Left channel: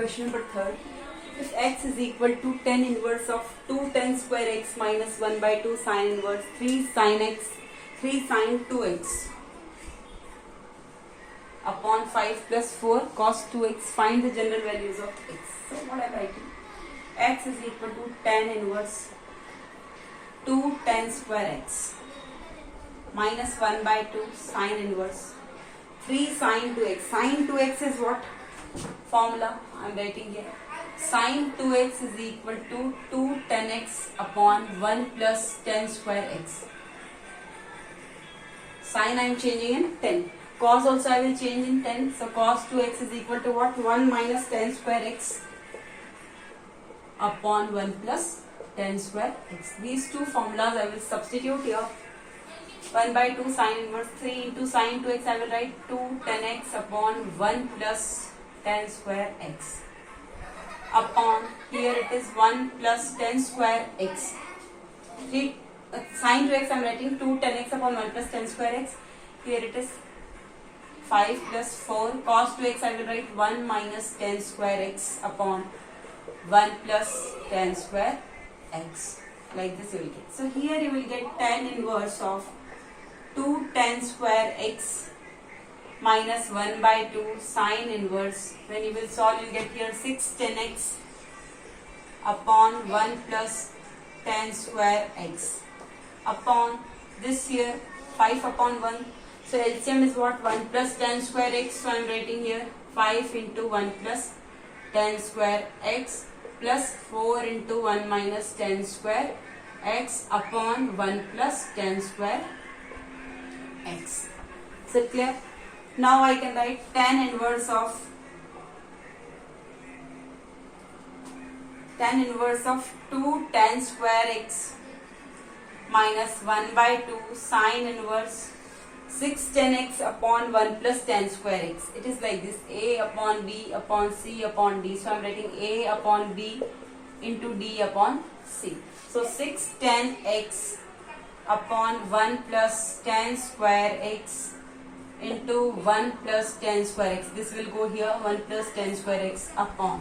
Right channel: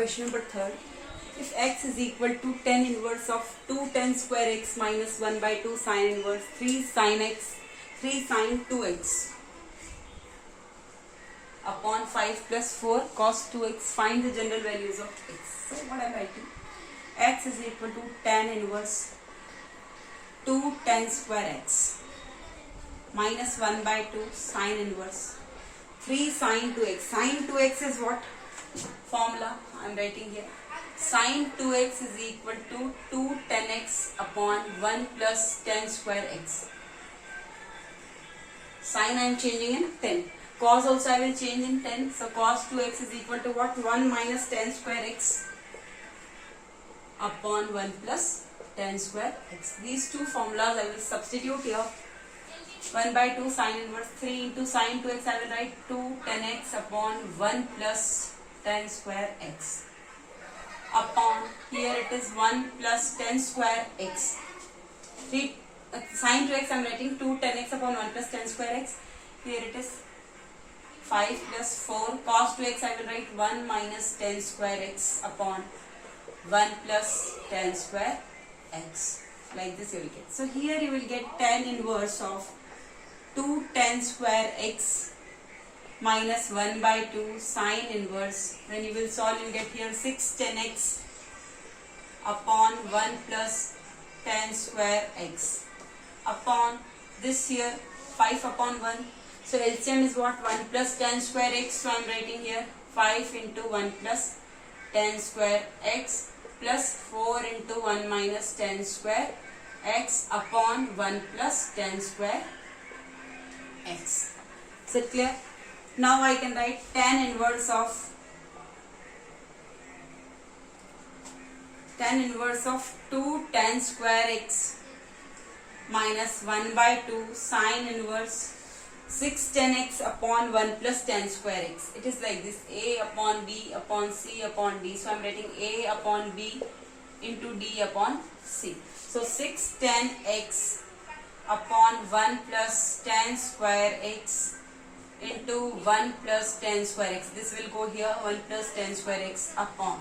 Question number third. If x is equal to tan inverse of 2 tan square x minus 1 by 2 sin inverse 3 sin x 3 sin 2x upon 5 plus 4 cos 2x, find the general values of x. So what I am writing? X is equal to tan inverse 2 tan square x minus 1 by 2 sin inverse 3 sin 2x. Sin 2x is what? Formula I am writing here. Sin 2x is equal to 2 tan x upon 1 plus tan square x. Sin I am changing in 10. Cos also I will change in 10. So cos 2x is equal to what? 1 minus tan square x upon 1 plus tan square x. These two formulas I will substitute here. 1 by 2 sin inverse 3 into sin 2x I will write 2 tan x upon 1 plus tan square x upon, here it is 1 plus tan square x. 3 sin 2x I am writing 2 tan x upon 1 plus tan square x. Here it is 5 plus 4 cos 2x I will write 1 minus tan square x upon 1 plus tan square x. Like this you will get. So here you will get tan inverse of 2 tan square x minus 1 by 2 sin inverse. When you will solve, you get here 6 tan x upon 1 plus tan square x upon this here 5 upon 1. So LCM is what? 1 plus tan square x. So I am writing here 5 into 1 plus tan square x plus 4 into 1 minus tan square x upon 1 plus tan square x. Is it clear? Now I can write tan inverse of 2 tan square x minus 1 by 2 sin inverse 6 tan x upon 1 plus tan square x. It is like this: a upon b upon c upon d. So I am writing a upon b into d upon c. So 6 tan x upon 1 plus tan square x into 1 plus tan square x. This will go here, 1 plus tan square x upon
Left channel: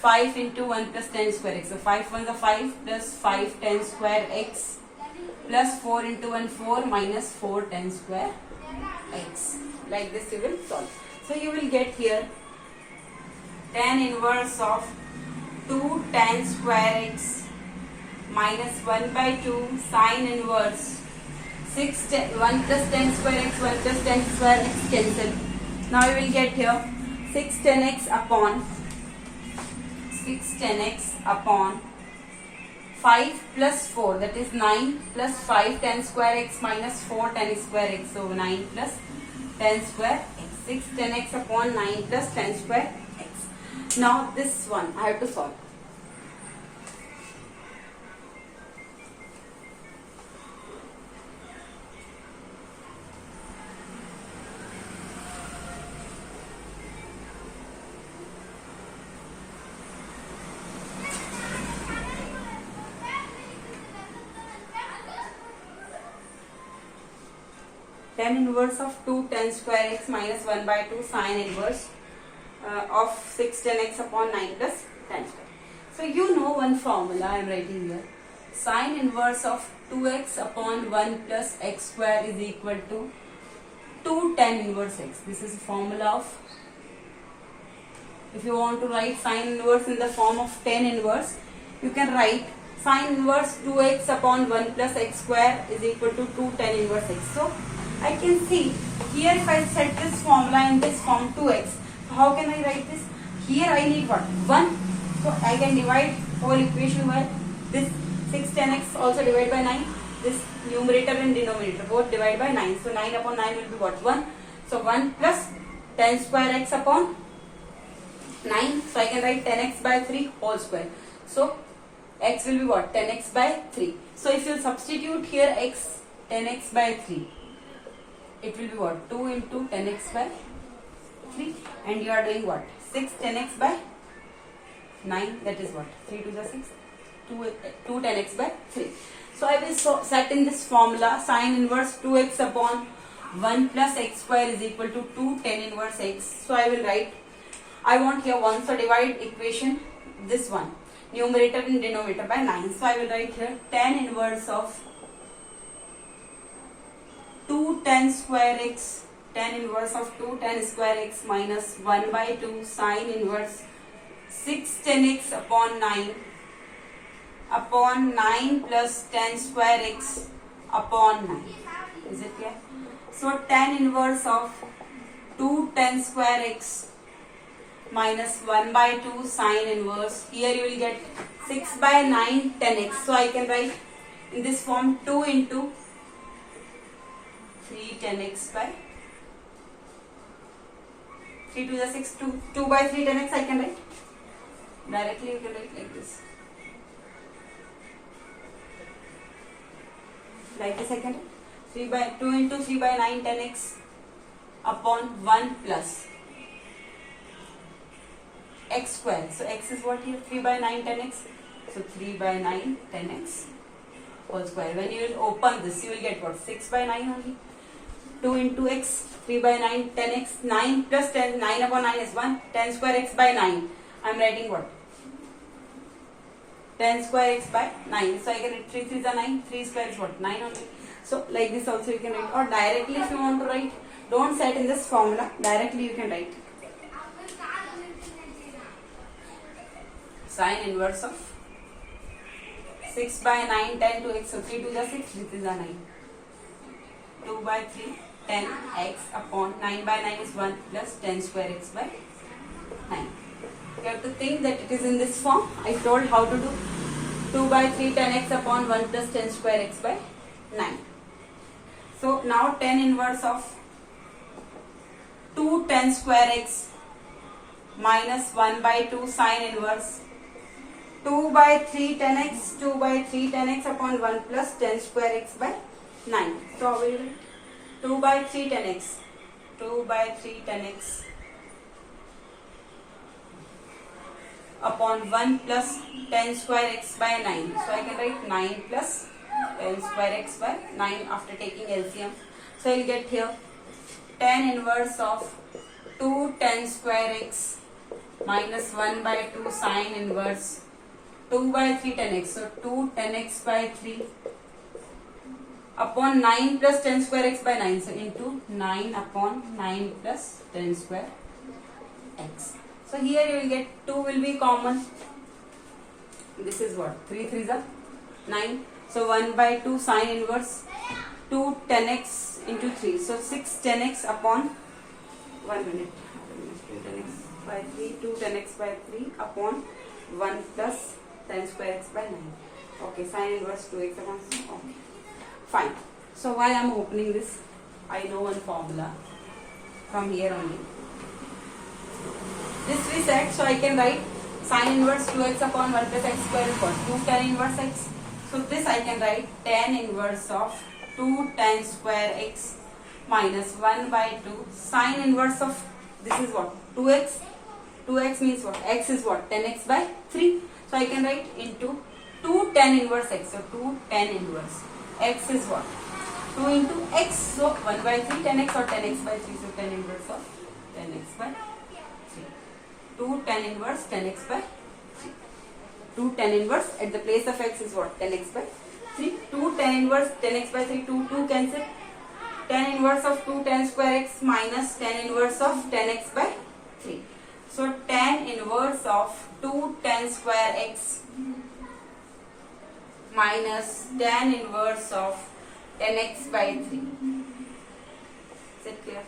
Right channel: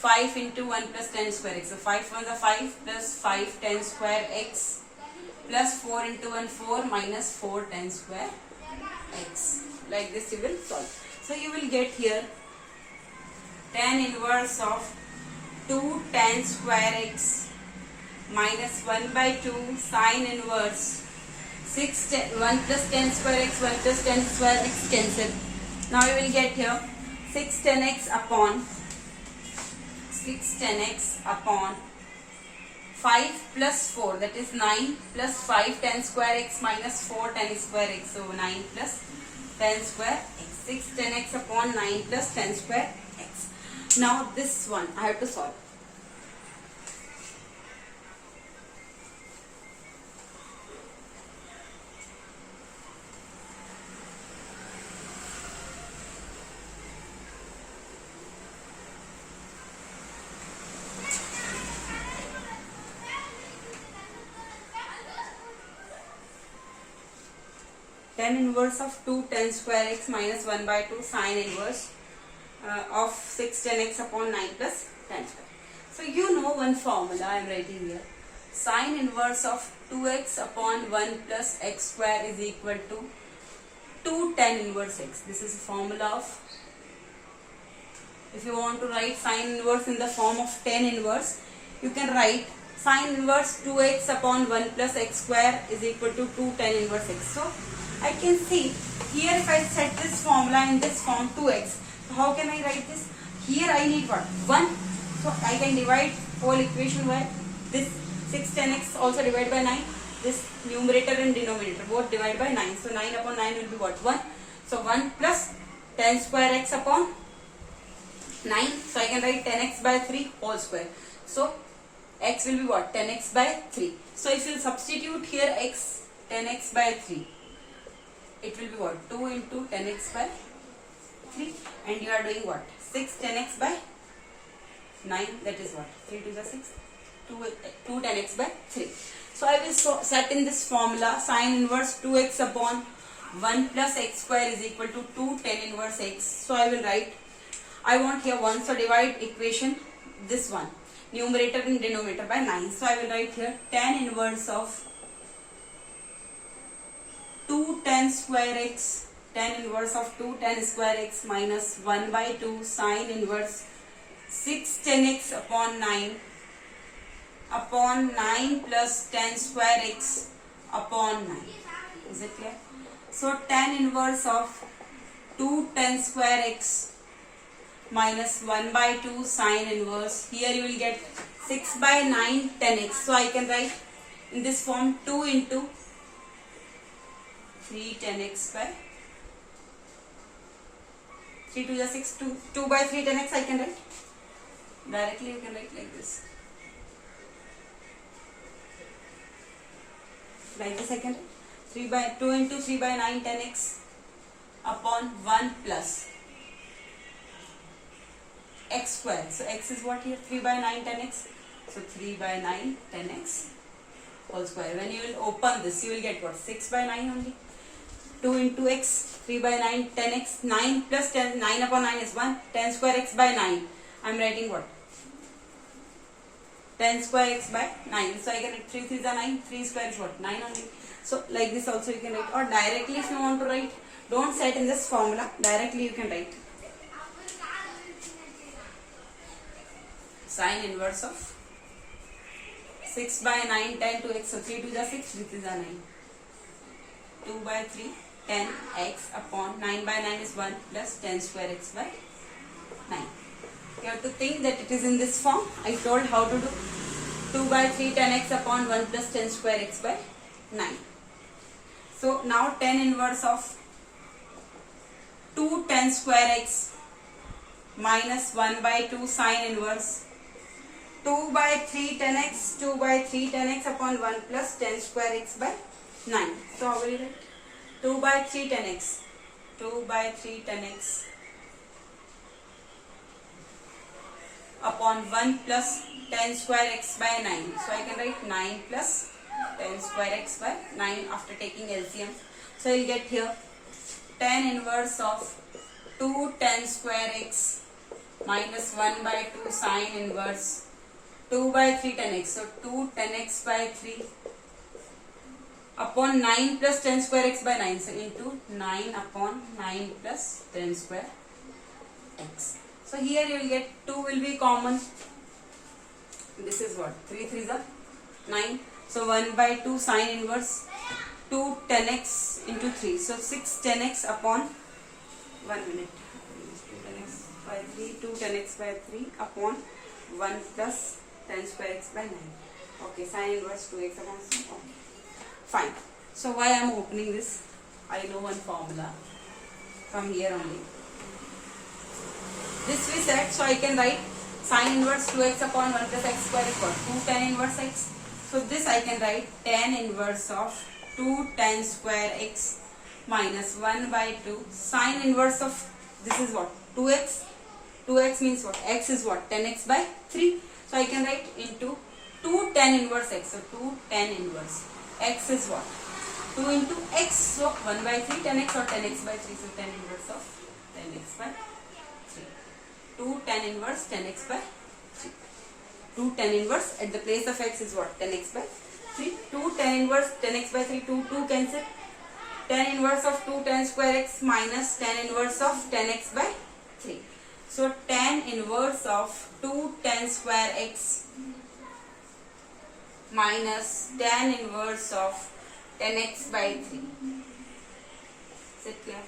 5 into 1 plus tan square x. So 5 1 is 5 plus 5 tan square x plus 4 into 1 4 minus 4 tan square x. Like this you will solve. So you will get here tan inverse of 2 tan square x minus 1 by 2 sin inverse 1 plus tan square x 1 plus tan square x cancel. Now you will get here 6 tan x upon 5 plus 4, that is 9 plus 5 tan square x minus 4 tan square x. So 9 plus tan square x. 6 tan x upon 9 plus tan square x. Now this one I have to solve. Tan inverse of 2 tan square x minus 1 by 2 sin inverse of 6 tan x upon 9 plus tan square. So you know one formula I am writing here. Sin inverse of 2x upon 1 plus x square is equal to 2 tan inverse x. This is a formula of, if you want to write sin inverse in the form of tan inverse, you can write sin inverse 2x upon 1 plus x square is equal to 2 tan inverse x. So I can see here, if I set this formula in this form 2x, so how can I write this? Here I need what? 1. So I can divide whole equation by this 6 tan x also divide by 9. This numerator and denominator both divide by 9. So 9 upon 9 will be what? 1. So 1 plus tan square x upon 9. So I can write tan x by 3 whole square. So x will be what? Tan x by 3. So if you substitute here x, tan x by 3, it will be what? 2 into tan x by 3, and you are doing what? 6 tan x by 9, that is what? 3 to the 6, 2 tan x by 3. So I will set in this formula sin inverse 2x upon 1 plus x square is equal to 2 tan inverse x. So I will write I want here 1. So divide equation this one, numerator and denominator, by 9. So I will write here tan inverse of 2 tan square x, tan inverse of 2 tan square x minus 1 by 2 sine inverse 6 tan x upon 9 plus tan square x upon 9. Is it clear? So tan inverse of 2 tan square x minus 1 by 2 sine inverse, here you will get 6 by 9 tan x. So I can write in this form 2 into 3 tan x by 3 to the 6, 2 by 3 tan x I can write. Directly you can write like this. Like this I can write 2 into 3 by 9 tan x upon 1 plus x square. So x is what here? 3 by 9 tan x. So 3 by 9 tan x whole square. When you will open this, you will get what? 6 by 9 only. 2 into x, 3 by 9 tan x, 9 plus 10, 9 upon 9 is 1. Tan square x by 9. I am writing what? Tan square x by 9. So I can write 3 3 is 9. 3 square is what? 9 only. So like this also you can write, or directly if you want to write, don't set in this formula, directly you can write sine inverse of 6 by 9 tan 2x. So 3 to the 6, this is a 9. 2 by 3 tan x upon 9 by 9 is 1 plus tan square x by 9. You have to think that it is in this form. I told how to do 2 by 3 tan x upon 1 plus tan square x by 9. So now tan inverse of 2 tan square x minus 1 by 2 sine inverse 2 by 3 tan x, 2 by 3 tan x upon 1 plus tan square x by 9. So how will you write? 2 by 3 tan x, 2 by 3 tan x upon 1 plus tan square x by 9. So I can write 9 plus tan square x by 9 after taking LCM. So I will get here tan inverse of 2 tan square x minus 1 by 2 sine inverse 2 by 3 tan x. So 2 tan x by 3 upon 9 plus tan square x by 9. So into 9 upon 9 plus tan square x. So here you will get 2 will be common. This is what? 3 3 is 9. So 1 by 2 sine inverse 2 tan x into 3. So 6 tan x upon 1 minute. 2 tan x by 3, 2 tan x by 3 upon 1 plus tan square x by 9. Okay, sine inverse 2x upon 6. Okay, fine. So why I am opening this? I know one formula from here only. This we said, so I can write sine inverse 2x upon 1 plus x square equals 2 tan inverse x. So this I can write tan inverse of 2 tan square x minus 1 by 2 sine inverse of, this is what? 2x. 2x means what? X is what? 10x by 3. So I can write into 2 tan inverse x. So 2 tan inverse. X is what? 2 into x. So 1 by 3 tan x or 10x by 3. So tan inverse of 10x by 3. 2 tan inverse 10x by 3. 2 tan inverse at the place of x is what? 10x by 3. 2 tan inverse 10x by 3. 2 cancel. Tan inverse of 2 tan square x minus tan inverse of 10x by 3. So tan inverse of 2 tan square x minus tan inverse of 10x by 3. Is it clear?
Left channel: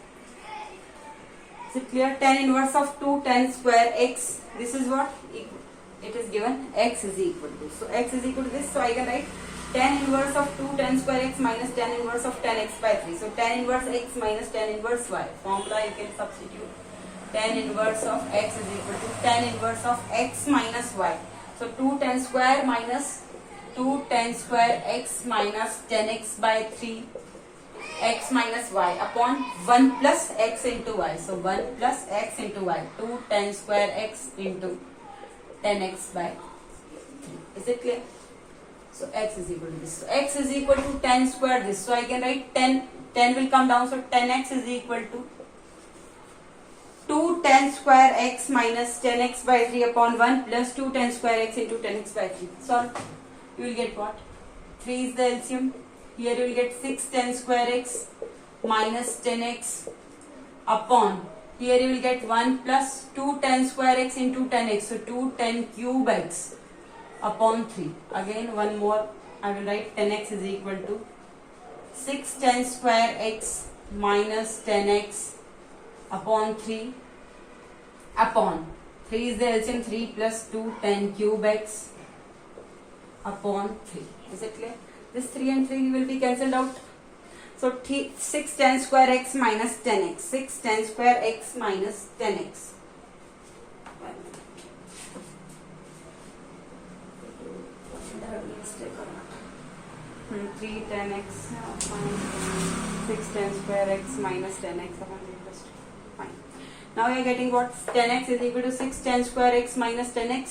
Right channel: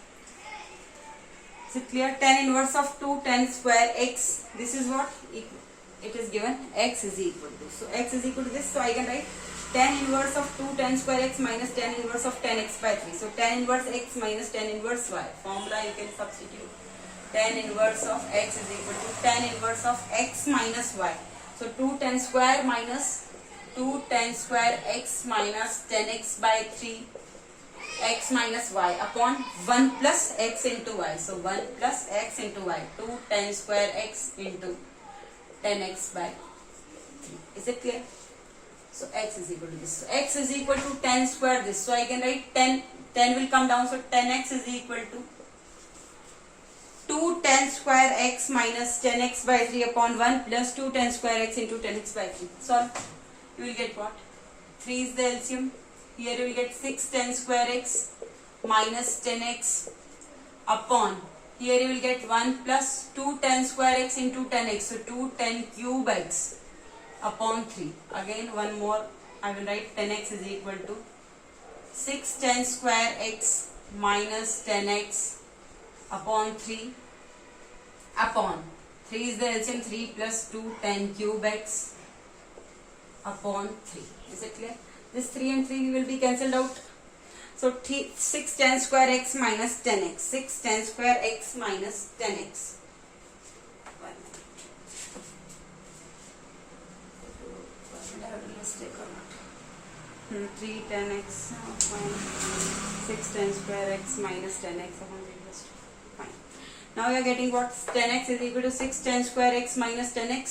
Is it clear? Tan inverse of 2 tan square x. This is what? It is given x is equal to. So x is equal to this. So I can write tan inverse of 2 tan square x minus tan inverse of 10x by 3. So tan inverse x minus tan inverse y. Formula you can substitute. Tan inverse of x is equal to tan inverse of x minus y. So 2 tan square minus 2 tan square x minus 10x by 3 x minus y upon 1 plus x into y. So 1 plus x into y. 2 tan square x into 10x by 3. Is it clear? So x is equal to this. So x is equal to 10 square this. So I can write 10 will come down. So 10x is equal to 2 2 tan square x minus 10x by 3 upon 1 plus 2 tan square x into 10x by 3. Solve. You will get what? 3 is the LCM. Here you will get 6 tan square x minus 10x upon. Here you will get 1 plus 2 tan square x into 10x. So 2 tan cube x upon 3. Again one more. I will write 10x is equal to 6 tan square x minus 10x upon 3 upon 3 is the LCM. 3 plus 2 tan cube x upon 3. Is it clear? This 3 and 3 will be cancelled out. So 6 tan square x minus 10x. 6 tan square x minus 10x. 3 tan x minus 6 tan square x minus 10x upon 3 plus 2. Fine. Now we are getting what? 10x is equal to 6 tan square x minus 10x.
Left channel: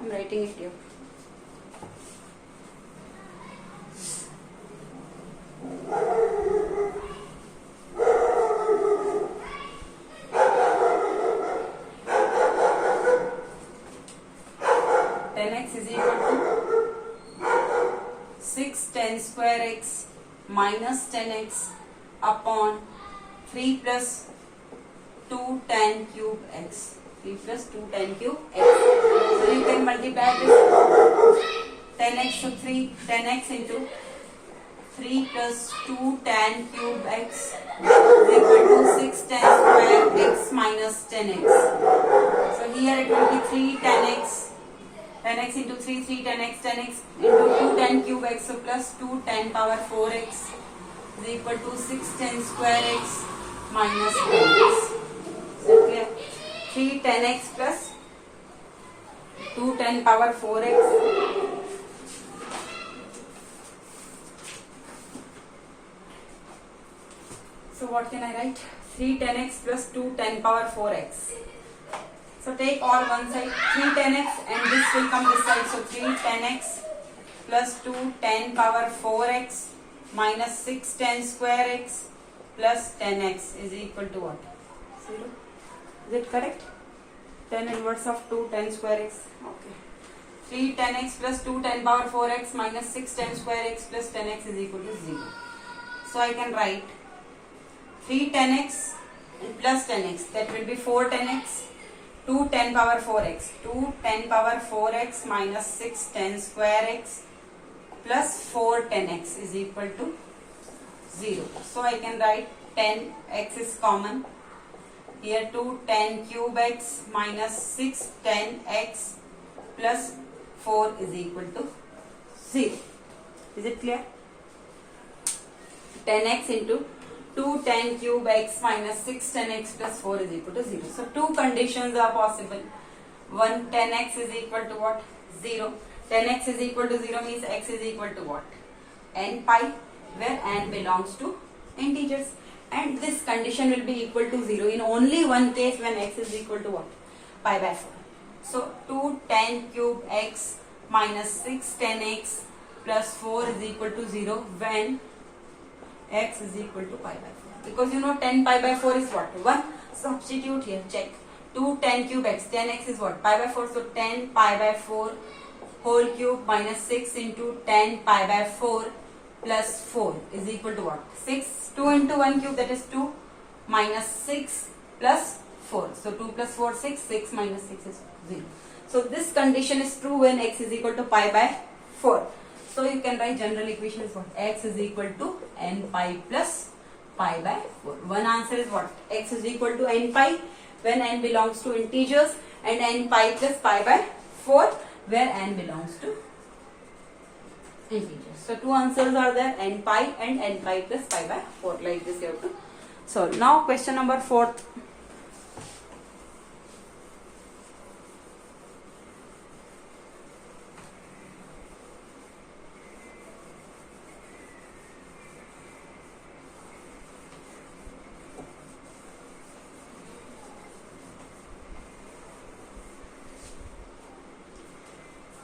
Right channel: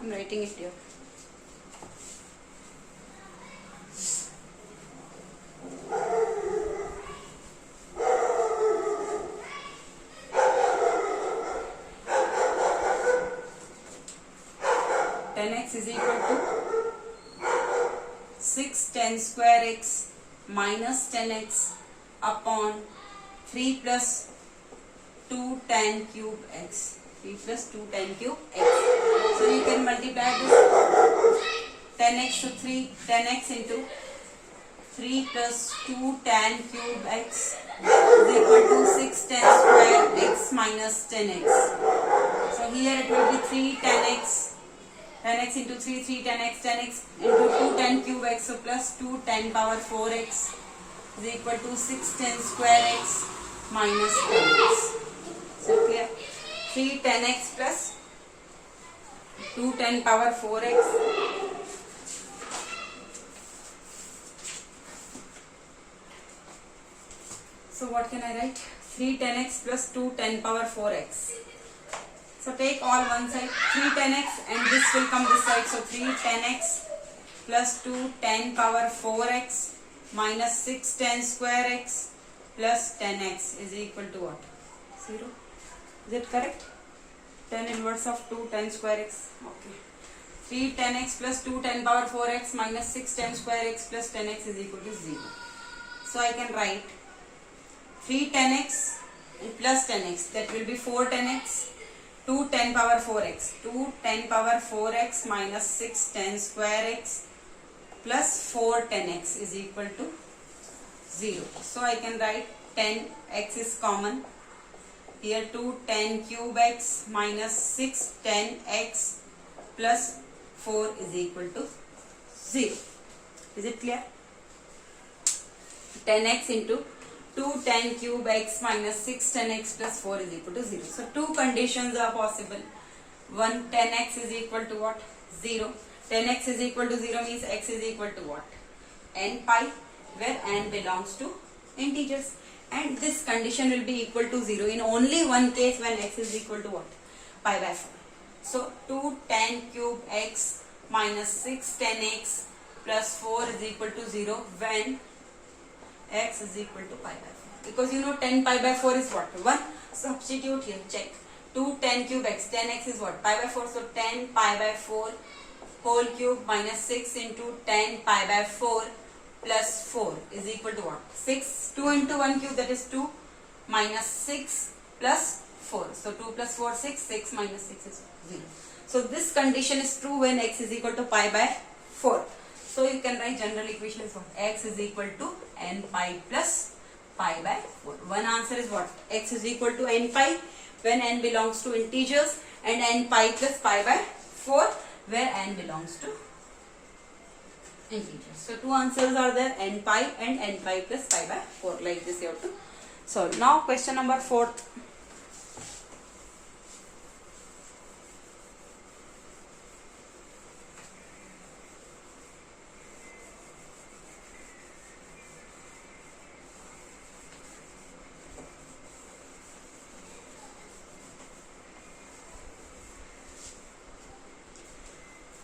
I am writing it here. Is equal to 6 tan square x minus 10x upon 3 plus 2 tan cube x. 3 plus 2 tan cube x. So you can multiply this 10x to 3, 10x into 3 plus 2 tan cube x is equal to 6 tan square x minus 10x. So here it will be 3 tan x. 10x into 3, 3 tan x, 10x into 2 tan cube x, so plus 2 tan power 4x is equal to 6 tan square x minus 10x. So clear? 3 tan x plus 2 tan power 4x. So what can I write? 3 tan x plus 2 tan power 4x. So take all one side, 3 tan x and this will come this side. So 3 tan x plus 2 tan power 4x minus 6 tan square x plus 10x is equal to what? 0. Is it correct? Tan inverse of 2 tan square x. Okay. 3 tan x plus 2 tan power 4x minus 6 tan square x plus 10x is equal to 0. So I can write 3 tan x and plus 10x. That will be 4 tan x. 2 tan power 4x. 2 tan power 4x minus 6 tan square x plus 4 tan x is equal to 0. So I can write 10x is common. Here 2 tan cube x minus 6 tan x plus 4 is equal to 0. Is it clear? 10x into 2 tan cube x minus 6 tan x plus 4 is equal to 0. So two conditions are possible. One, 10x is equal to what? 0. 10x is equal to 0 means x is equal to what? N pi, where n belongs to integers. And this condition will be equal to 0 in only one case, when x is equal to what? Pi by 4. So 2 tan cube x minus 6 tan x plus 4 is equal to 0 when x is equal to pi by 4. Because you know 10 pi by 4 is what? 1. Substitute here, check. 2 tan cube x, 10x is what? Pi by 4. So 10 pi by 4 whole cube minus 6 into 10 pi by 4 plus 4 is equal to what? 6. 2 into 1 cube, that is 2 minus 6 plus 4. So 2 plus 4, 6. 6 minus 6 is 0. So this condition is true when x is equal to pi by 4. So you can write general equation is what? X is equal to n pi plus pi by 4. One answer is what? X is equal to n pi when n belongs to integers, and n pi plus pi by 4 where n belongs to integers. So two answers are there, n pi and n pi plus pi by 4. Like this you have to solve. Now question number 4.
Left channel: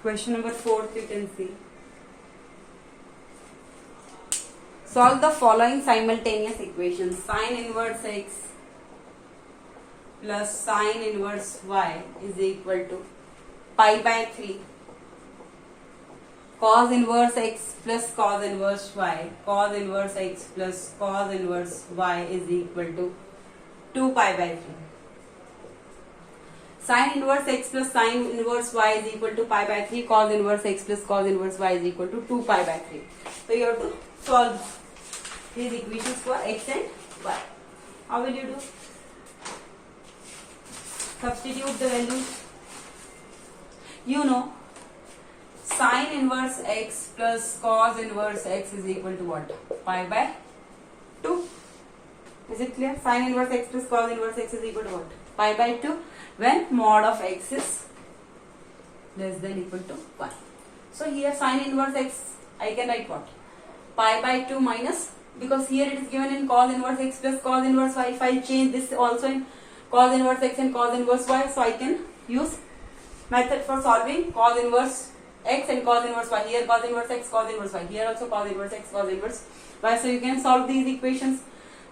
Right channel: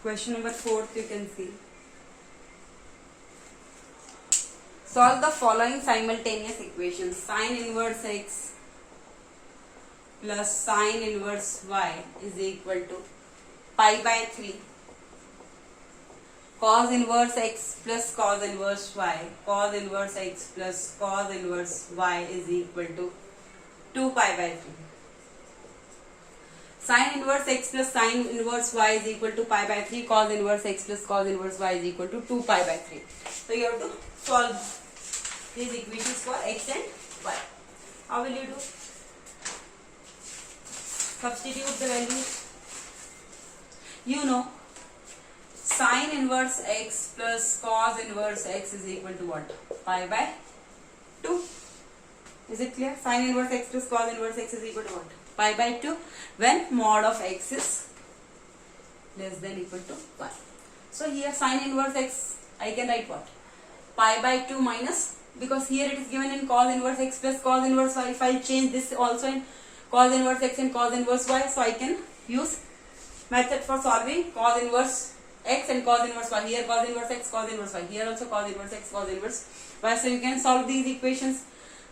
Question number 4, you can see. Solve the following simultaneous equations. Sine inverse x plus sine inverse y is equal to pi by 3 cos inverse x plus cos inverse y. Cos inverse x plus cos inverse y is equal to 2 pi by 3. Sin inverse x plus sin inverse y is equal to pi by 3. Cos inverse x plus cos inverse y is equal to 2 pi by 3. So you have to solve these equations for x and y. How will you do? Substitute the values. You know, sin inverse x plus cos inverse x is equal to what? Pi by 2. Is it clear? Sin inverse x plus cos inverse x is equal to what? Pi by 2 when mod of x is less than equal to 1. So here sin inverse x, I can write what? Pi by 2 minus, because here it is given in cos inverse x plus cos inverse y. If I change this also in cos inverse x and cos inverse y, so I can use method for solving cos inverse x and cos inverse y. Here cos inverse x, cos inverse y. Here also cos inverse x, cos inverse y. So you can solve these equations.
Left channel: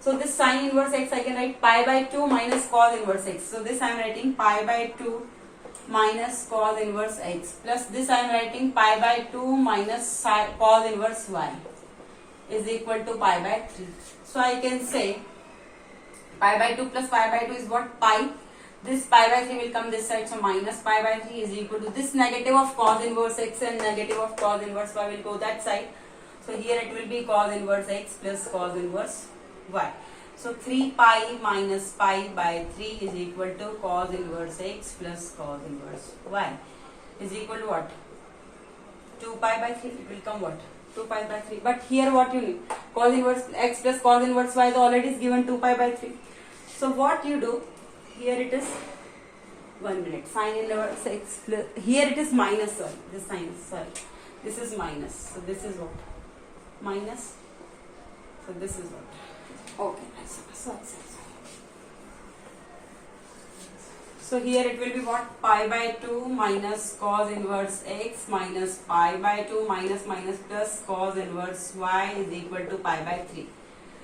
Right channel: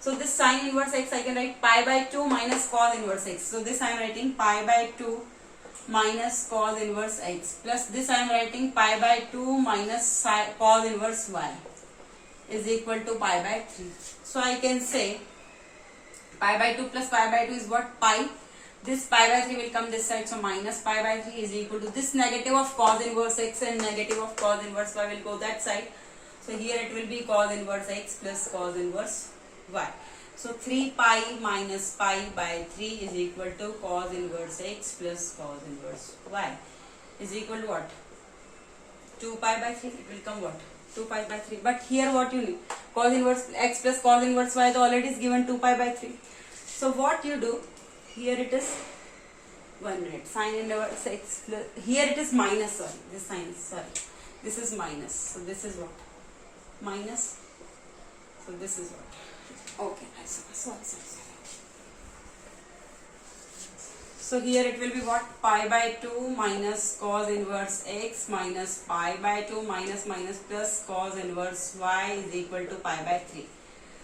So this sin inverse x I can write pi by 2 minus cos inverse x. So this I am writing pi by 2 minus cos inverse x, plus this I am writing pi by 2 minus cos inverse y is equal to pi by 3. So I can say pi by 2 plus pi by 2 is what? Pi. This pi by 3 will come this side, so minus pi by 3 is equal to this negative of cos inverse x and negative of cos inverse y will go that side. So here it will be cos inverse x plus cos inverse y. So 3 pi minus pi by 3 is equal to cos inverse x plus cos inverse y is equal to what? 2 pi by 3. It will come what? 2 pi by 3. But here what you need? Cos inverse x plus cos inverse y already is given 2 pi by 3. So what you do? Here it is 1 minute. Sin inverse x plus, here it is minus, sorry. This sign, sorry. This is minus. So this is what? Minus. So this is what? Okay, sorry. So here it will be what? Pi by 2 minus cos inverse x minus pi by 2 minus plus cos inverse y is equal to pi by 3.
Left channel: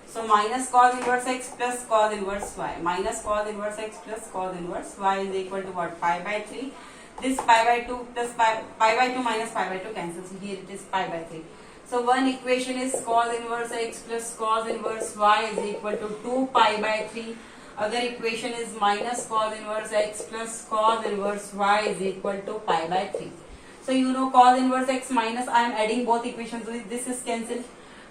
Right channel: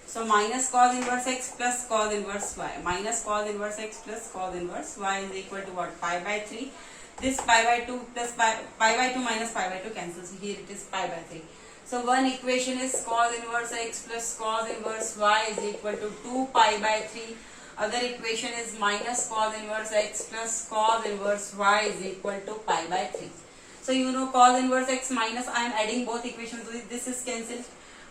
So minus cos inverse x plus cos inverse y. Minus cos inverse x plus cos inverse y is equal to what? Pi by 3. This pi by 2 plus pi by 2 minus pi by 2 cancels. So here it is pi by 3. So one equation is cos inverse x plus cos inverse y is equal to 2 pi by 3. Other equation is minus cos inverse x plus cos inverse y is equal to pi by 3. So you know cos inverse x minus, I am adding both equations. This is cancelled.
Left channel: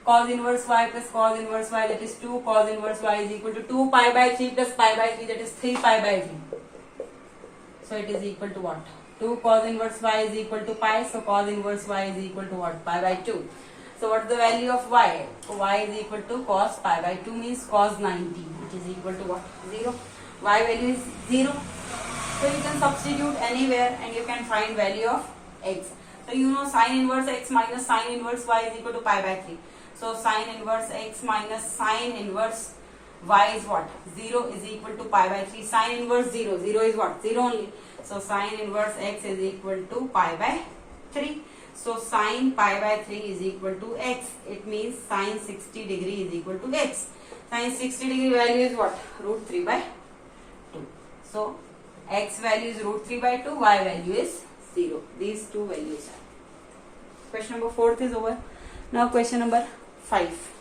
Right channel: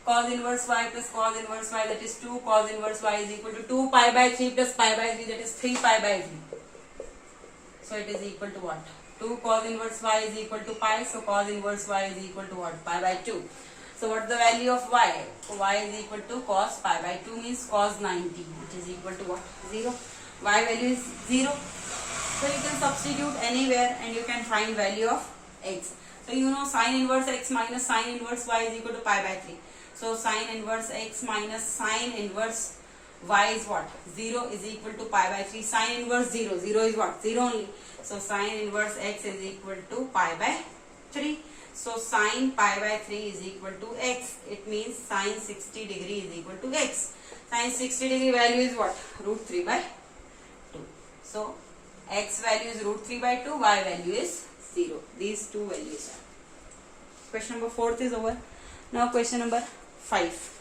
Cos inverse y plus cos inverse y, that is 2 cos inverse y is equal to 2 pi by 3 plus pi by 3, that is 3 pi by 3. So it is equal to what? 2 cos inverse y is equal to pi. So cos inverse y is equal to what? Pi by 2. So what is the value of y? So y is equal to cos pi by 2 means cos 90, which is equal to what? 0. Y value is 0. So you can substitute anywhere and you can find value of x. So you know sin inverse x minus sin inverse y is equal to pi by 3. So sin inverse x minus sin inverse y is what? 0 is equal to pi by 3. Sin inverse 0. 0 is what? 0 only. So sin inverse x is equal to pi by 3. So sin pi by 3 is equal to x. It means sin 60 degree is equal to x. Sin 60 degree value is what? Root 3 by 2. So x value is root 3 by 2. Y value is 0. These two values are. Question number 4 is over. Now question number 5.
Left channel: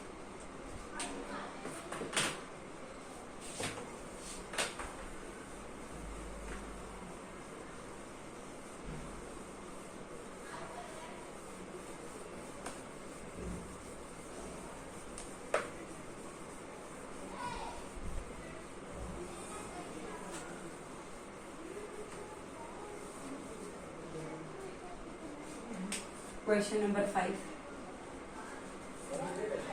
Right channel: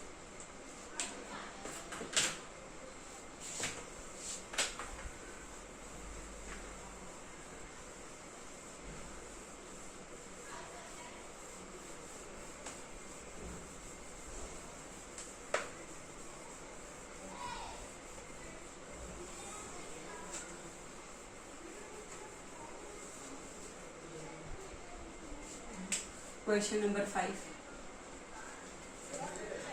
Question number 5.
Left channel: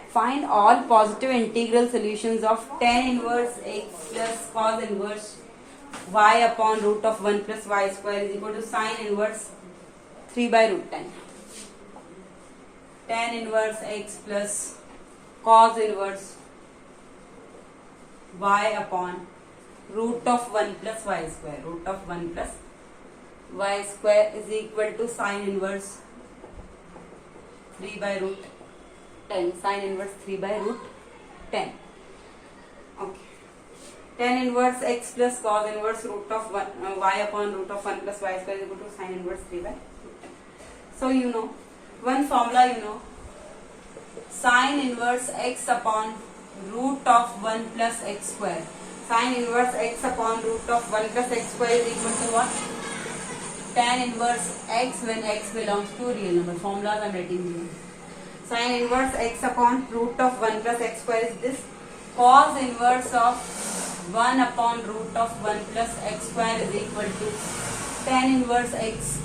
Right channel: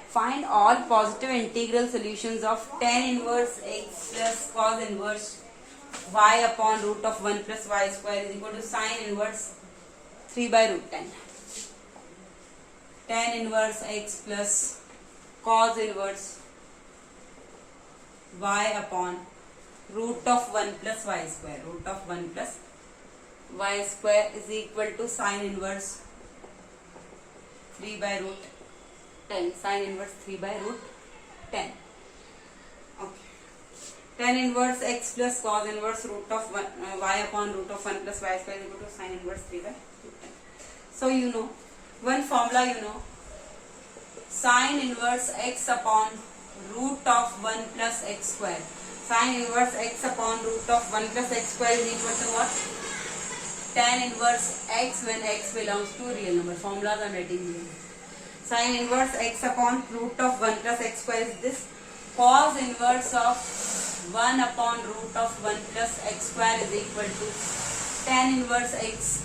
Find all positive integral solutions of tan inverse x plus cos inverse y upon root of 1 plus y square is equal to sin inverse 3 by root 10. Tan inverse x plus cos inverse y upon root of 1 plus y square. Root of 1 plus y square is equal to sin inverse 3 by root 10. Sin inverse 3 by root 10. Okay. tan inverse x plus cos inverse root of y upon root of 1 plus y square is equal to sin inverse 3 by. So you know one formula, you know, sin inverse x upon root of 1 plus x square. Sin inverse x upon root of 1 plus x square is equal to what? Tan inverse x when x belongs to real number. Formulas I am writing here. Sin inverse x upon root of 1 plus x square is this. Cos inverse of 1 upon root of 1 plus x square is equal to tan inverse x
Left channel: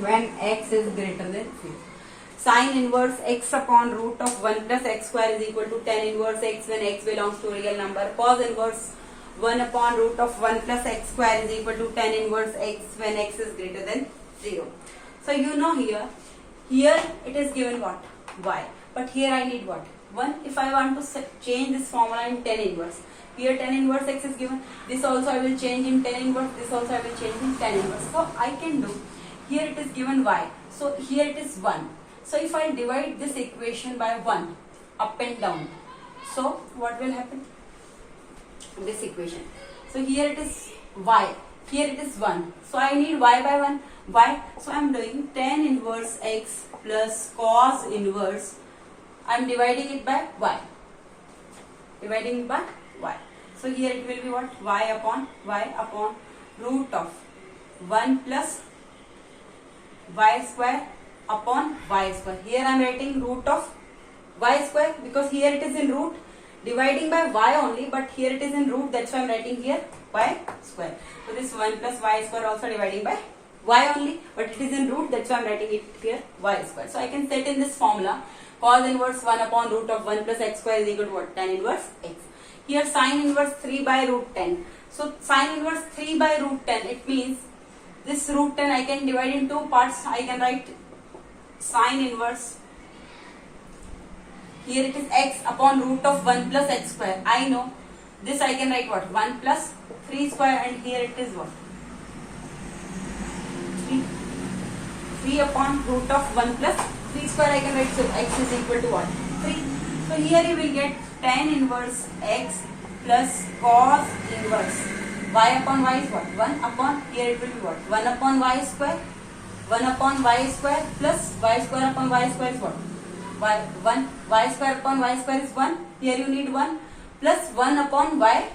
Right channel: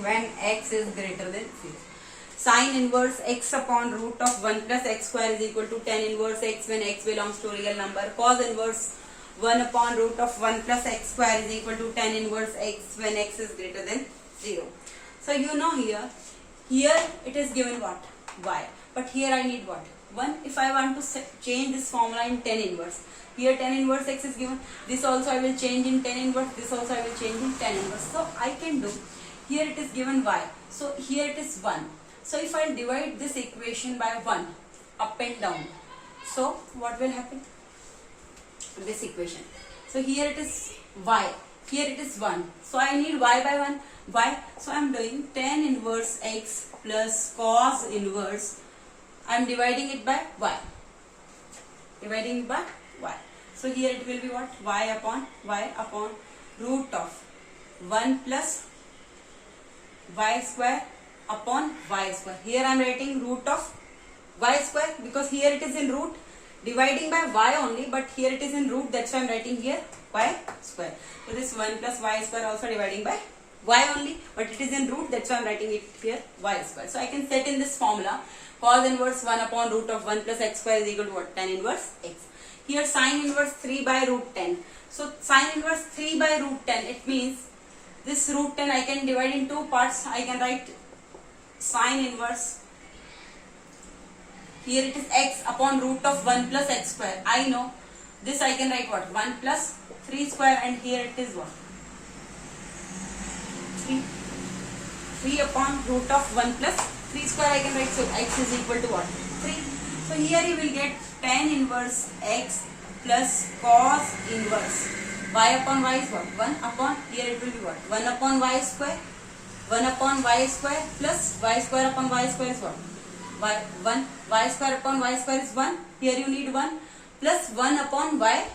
when x is greater than 6. Sin inverse x upon root of 1 plus x square is equal to tan inverse x when x belongs to real number. Cos inverse 1 upon root of 1 plus x square is equal to tan inverse x when x is greater than 0. So you know here it is given what? Y. But here I need what? 1. If I want to change this formula in tan inverse, here tan inverse x is given. This also I will change in tan inverse. This also I will change in tan inverse. So I can do, here it is given y. So here it is 1. So if I divide this equation by 1 up and down, so what will happen? This equation. So here it is y. Here it is 1. So I need y by 1. Y. So I am doing tan inverse x plus cos inverse. I am dividing it by y. Dividing it by y. So here it will be what? Y upon root of 1 plus y square upon y square. Here I am writing root of y square because here it is in root. Dividing by y only, but here it is in root, that's why I am writing here y square. So this 1 plus y square also dividing by y only, but it is in root, that's why I am writing it here y square. So I can set in this formula cos inverse 1 upon root of 1 plus x square is equal to what? Tan inverse x. Here sin inverse 3 by root 10. So sin inverse 3 by root 10, it means this root 10 I can divide in two parts. I can write sin inverse, here it is x upon root of 1 plus x square. I know this I can write what? 1 plus 3 square, and here it is what? 3 upon root of 1 plus 3 square I can write. So x is equal to what? 3. So here you will get tan inverse x plus cos inverse y upon y is what? 1 upon, here it will be what? 1 upon y square. 1 upon y square plus y square upon y square is what? Y square upon y square is 1. Here you need 1 plus 1 upon y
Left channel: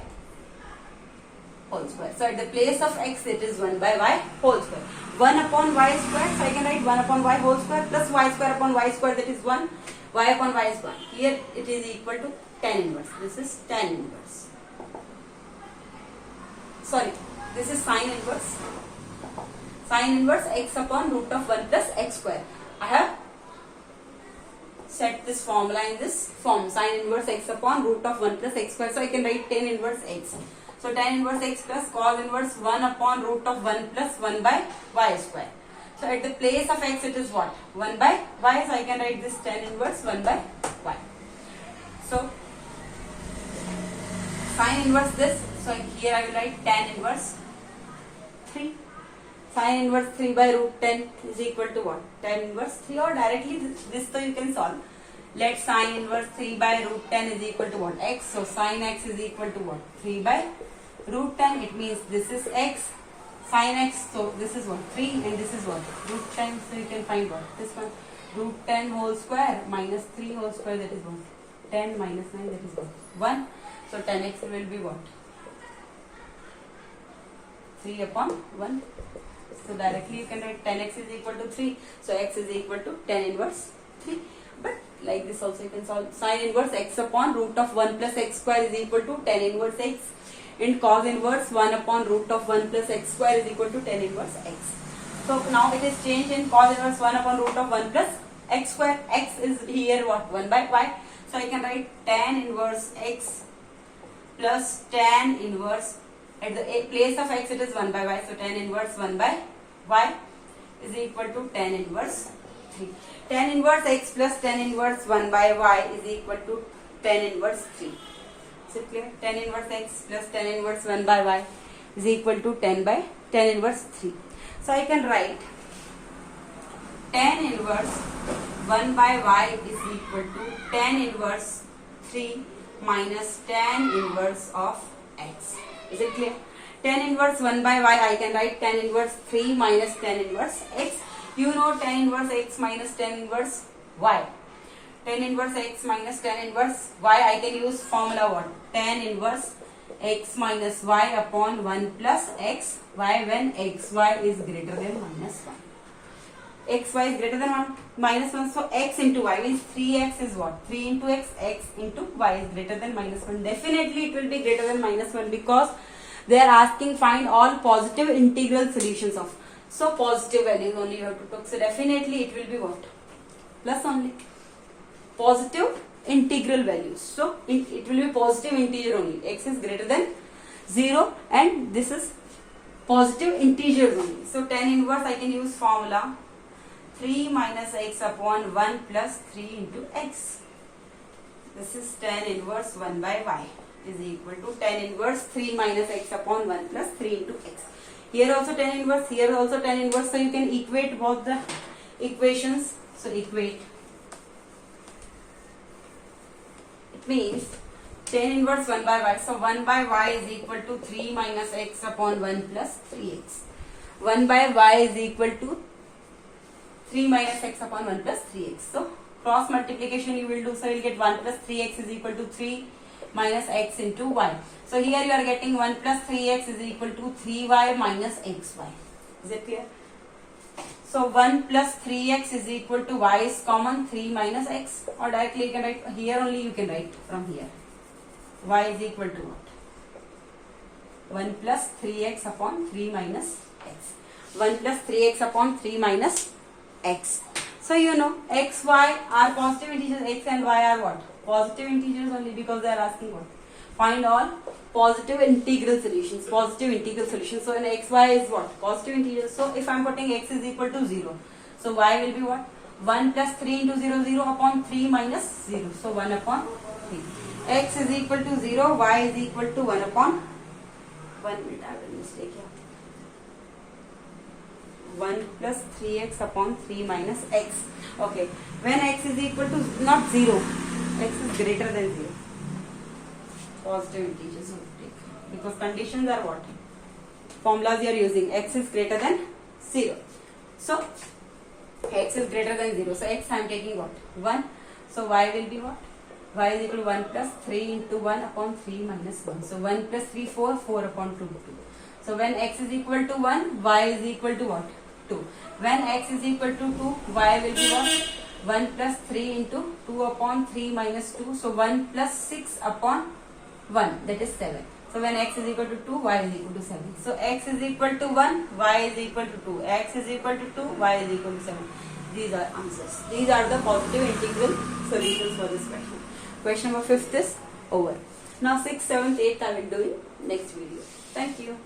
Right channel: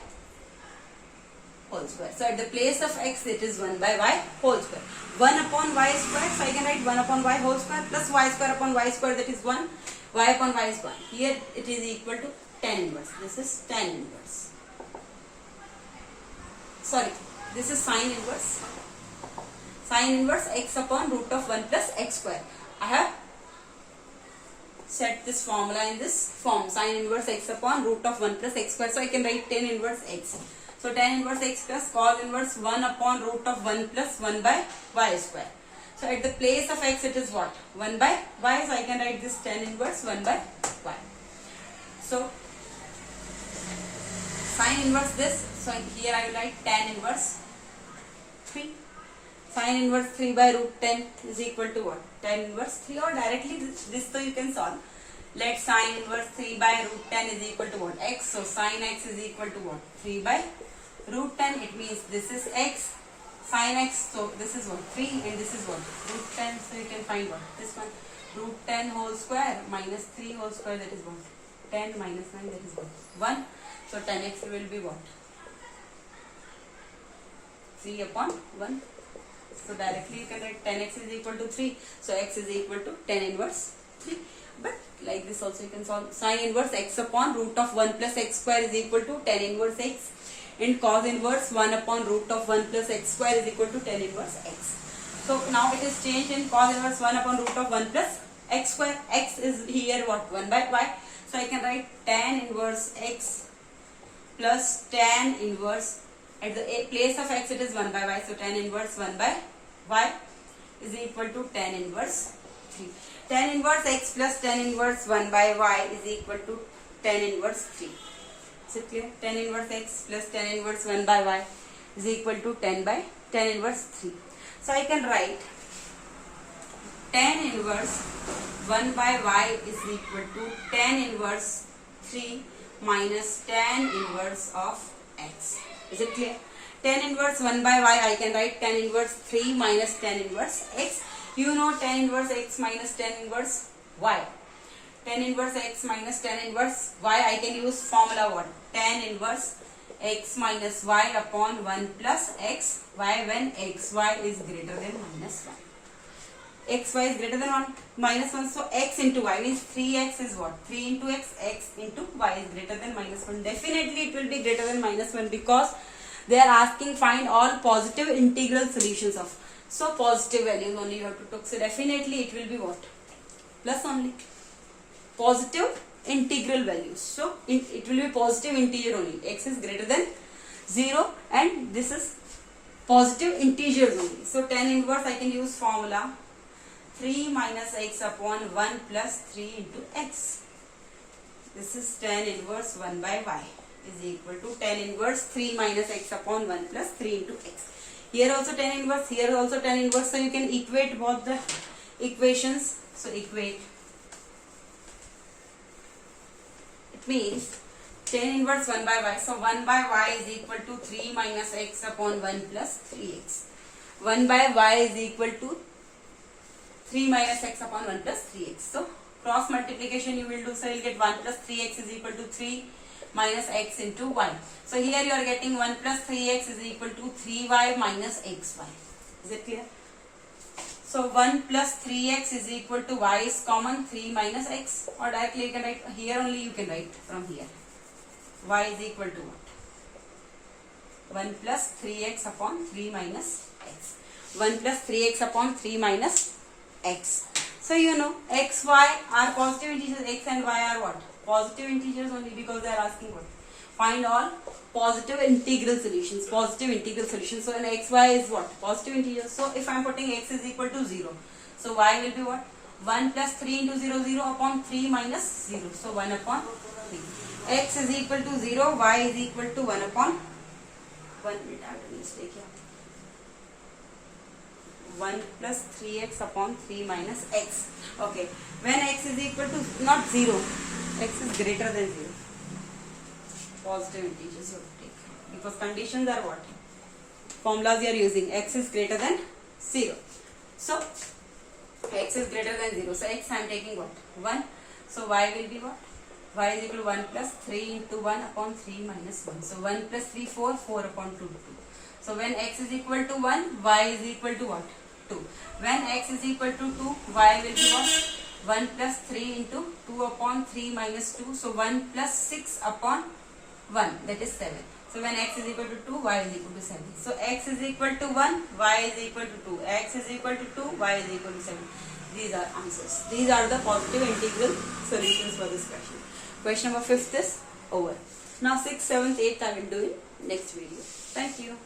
whole square. So at the place of x it is 1 by y whole square. 1 upon y square, so I can write 1 upon y whole square plus y square upon y square, that is 1. Y upon y is 1. Here it is equal to tan inverse. This is tan inverse. Sorry, this is sin inverse. Sin inverse x upon root of 1 plus x square. I have set this formula in this form, sin inverse x upon root of 1 plus x square. So I can write tan inverse x. So tan inverse x plus cos inverse 1 upon root of 1 plus 1 by y square. So at the place of x it is what? 1 by y. So I can write this tan inverse 1 by y. So sin inverse this. So here I will write tan inverse 3. Sin inverse 3 by root 10 is equal to what? Tan inverse 3, or directly this so you can solve. Let sin inverse 3 by root 10 is equal to what? X. So sin x is equal to what? 3 by root 10. It means this is x, sin x. So this is what? 3, and this is what? Root 10. So you can find what? This one. Root 10 whole square minus 3 whole square, that is what? 10 minus 9, that is what? 1. So tan x will be what? 3 upon 1. So directly you can write tan x is equal to 3. So x is equal to tan inverse 3. But like this also you can solve. Sin inverse x upon root of 1 plus x square is equal to tan inverse x. And cos inverse 1 upon root of 1 plus x square is equal to tan inverse x. So now it is changed in cos inverse 1 upon root of 1 plus x square. X is here what? 1 by y. So I can write tan inverse x plus tan inverse, at the place of x it is 1 by y. So tan inverse 1 by y is equal to tan inverse 3. Tan inverse x plus tan inverse 1 by y is equal to tan inverse 3. Is it clear? Tan inverse x plus tan inverse 1 by y is equal to tan inverse 3. So I can write tan inverse 1 by y is equal to tan inverse 3 minus tan inverse of x. Is it clear? Tan inverse 1 by y, I can write tan inverse 3 minus tan inverse x. You know tan inverse x minus tan inverse y. Tan inverse x minus tan inverse y, I can use formula what? Tan inverse x minus y upon 1 plus x y when xy is greater than minus 1. Xy is greater than 1 minus 1, so x into y means 3x is what? 3 into x into y is greater than minus 1. Definitely it will be greater than minus 1 because they are asking find all positive integral solutions of. So positive values only you have to take. So definitely it will be what? Plus only. Positive integral values. So it will be positive integer only. X is greater than 0 and this is positive integers only. So tan inverse I can use formula 3 minus x upon 1 plus 3 into x. This is tan inverse 1 by y is equal to tan inverse 3 minus x upon 1 plus 3 into x. Here also tan inverse, here also tan inverse. So you can equate both the equations. So equate. It means tan inverse 1 by y. So 1 by y is equal to 3 minus x upon 1 plus 3x. 1 by y is equal to 3 minus x upon 1 plus 3x. So cross multiplication you will do. So you will get 1 plus 3x is equal to 3 minus x into y. So here you are getting 1 plus 3x is equal to 3y minus xy. Is it clear? So 1 plus 3x is equal to y is common, 3 minus x, or directly you can write here only, you can write from here. Y is equal to what? 1 plus 3x upon 3 minus x. 1 plus 3x upon 3 minus x. So you know x, y are positive integers, x and y are what? Positive integers only because they are asking what? Find all positive integral solutions. Positive integral solutions. So in x, y is what? Positive integers. So if I am putting x is equal to 0. So y will be what? 1 plus 3 into 0, 0 upon 3 minus 0. So 1 upon 3. X is equal to 0, y is equal to 1 upon 1 minute. I have a mistake here. 1 plus 3x upon 3 minus x. Okay. When x is equal to not 0, x is greater than 0. Positive integers you have to take. Because conditions are what? Formulas you are using. X is greater than 0. So, x is greater than 0. So, x I am taking what? 1. So, y will be what? Y is equal to 1 plus 3 into 1 upon 3 minus 1. So, 1 plus 3, 4, 4 upon 2, 2. So, when x is equal to 1, y is equal to what? 2. When x is equal to 2, y will be what? 1 plus 3 into 2 upon 3 minus 2. So, 1 plus 6 upon 1, that is 7. So, when x is equal to 2, y is equal to 7. So, x is equal to 1, y is equal to 2. X is equal to 2, y is equal to 7. These are answers. These are the positive integral solutions for this question. Question number 5th is over. Now 6th, 7th, 8th I will do in next video. Thank you.